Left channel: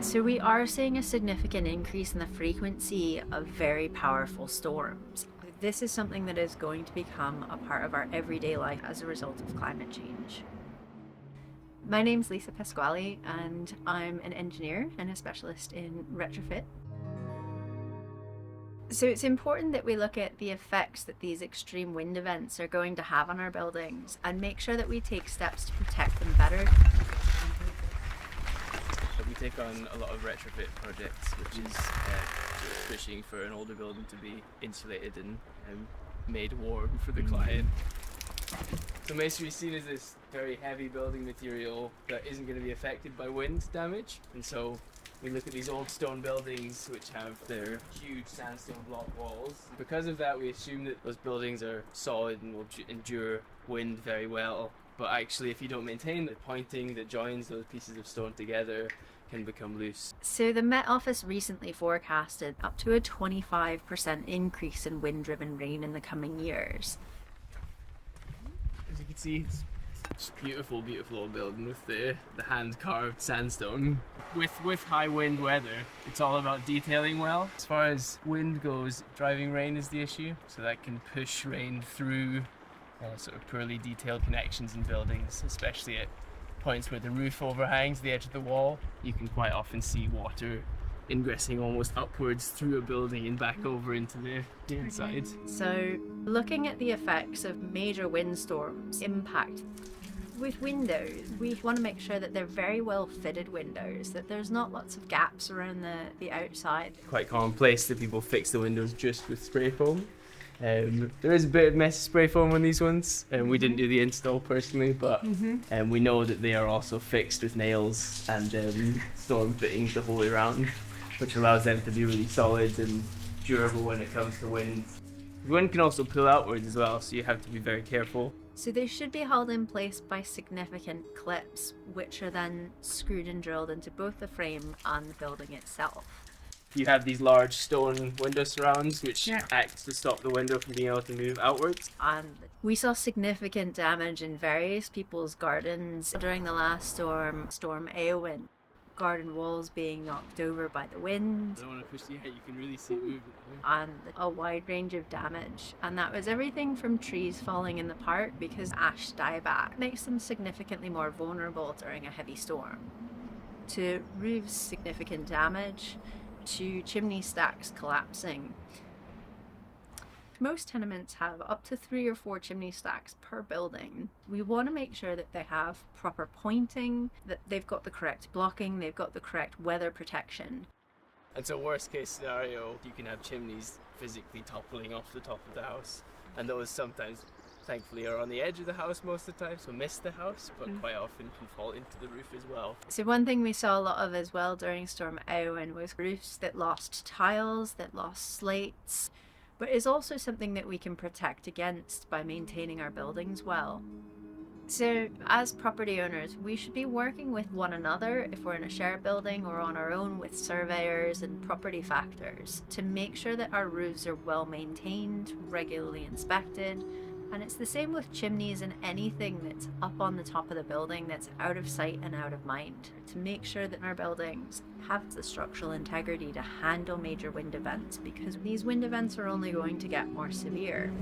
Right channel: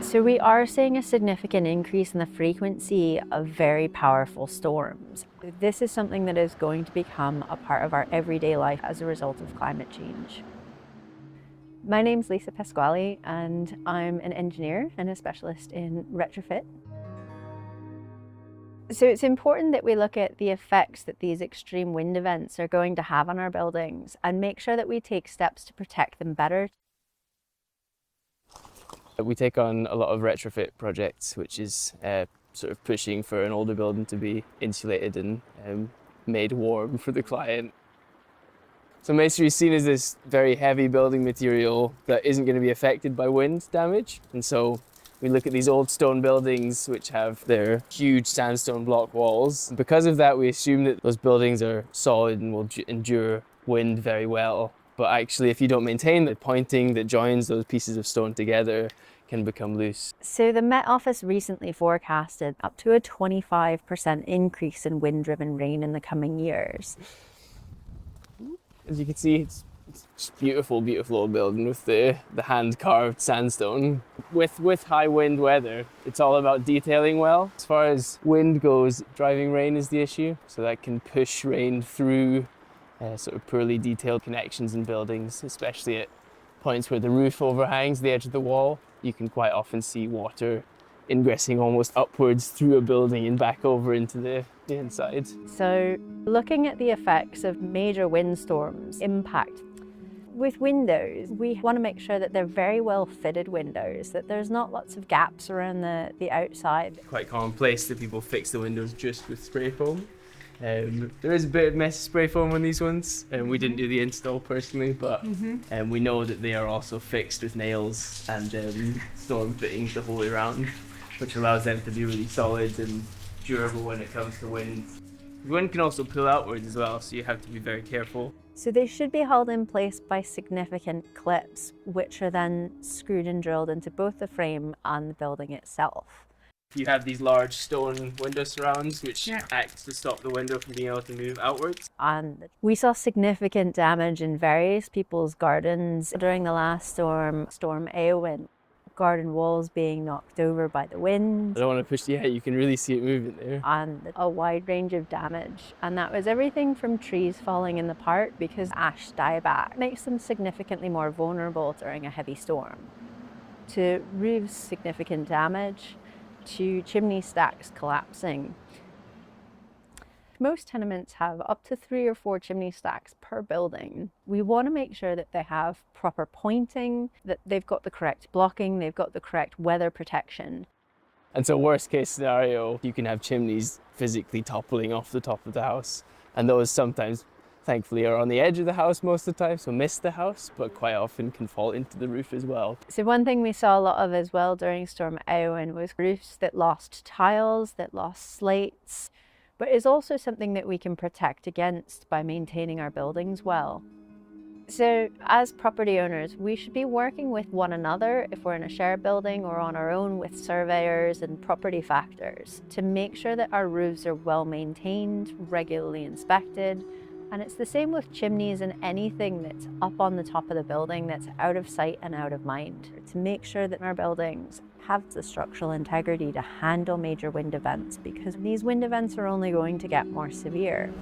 So we are seeing a significant increase in the frequency of very powerful storms. This is something that is going to become a part of our everyday life as a result of climate change. My name's Lisa Pasquale and I'm an engineer and a specialist in retrofit. So it's important that we look at the effects that these extreme wind events are going to have on our buildings and make sure that we take steps to protect them better. We take on a lot of retrofit projects, which is sort of pushing for an older building to be insulated and made warm for the client. So masonry is seen as this very heavy building material that isn't going to be affected by wind damage. And so we look at these old stone buildings which have their huge sandstone block walls. Because of that, we assume that those buildings are solid and will endure wind very well. But actually, if you don't maintain the pointing that joins those pieces of stone together, can become loose. So the Met Office recently forecasted up to a 25% increase in wind-driven rain in the coming years. As you can see, it's just beautiful, beautiful old building with the hand-carved sandstone. With high wind weather, it's all about detailing well. As far as wind goes, driving rain is the issue. So that can push rain through sort of poorly detailed connections in buildings, especially at points where the roof overhangs the edge of the wall. You can quite often see water ingressing almost upwards through a building and back over into the inside. So looking at the effects of major windstorms impact. With windows, we want to make sure that they're very well fitted windows, that there's not lots of gaps around the outside. Quite commonplace that people fix the windows just with spray foam. There is a bit of messy spray foam on these ones, and we didn't do the install personally, but we know that they are also fixed with nails and storm fittings the whole way around, which allows them to be really solid and durable when it comes to wind. Wind can also pull outwards as well, so you have to be very careful. So they should be held in place by significant clips, which are then screwed and drilled into both the frame and the building itself. You have these large stone window surrounds which act to stop the window from being able to move outwards. And we saw significant damage in various people's gardens during the last storm, Storm Eowyn. Garden walls being knocked over by the wind. I don't want to push the you can really see it moving there. And a wide range of damage. And that was everything from trees falling in the park because ash dieback makes them significantly more vulnerable during a heavy storm. To roofs, significant damage, to chimney stacks collapsing. Most tenements have up to 3 or 4 chimney stacks per building. We want to make sure that they have proper pointing, that they've got the correct blocking, they've got the correct weather protection. And so worst case scenario, you can have chimneys physically toppling off the top of the house. And those sometimes, thankfully, are on the edge of the house most of the time, so miss the house, but quite often can fall into the roof as well. So one thing we saw a lot of as well during Storm Eowyn was roofs that lost tiles, that lost slates, but it's also something that we can protect against by maintaining our buildings well. So as property owners, we should be working with one another if we're in a shared building or on our own with surveyors and property factors to make sure that our roofs are well maintained, regularly inspected. And it's the same with chimneys and anything that's up on the top of the building that's out of sight and out of mind, to make sure that our buildings have the structural integrity to handle major wind events, because these wind events are only going to get more severe.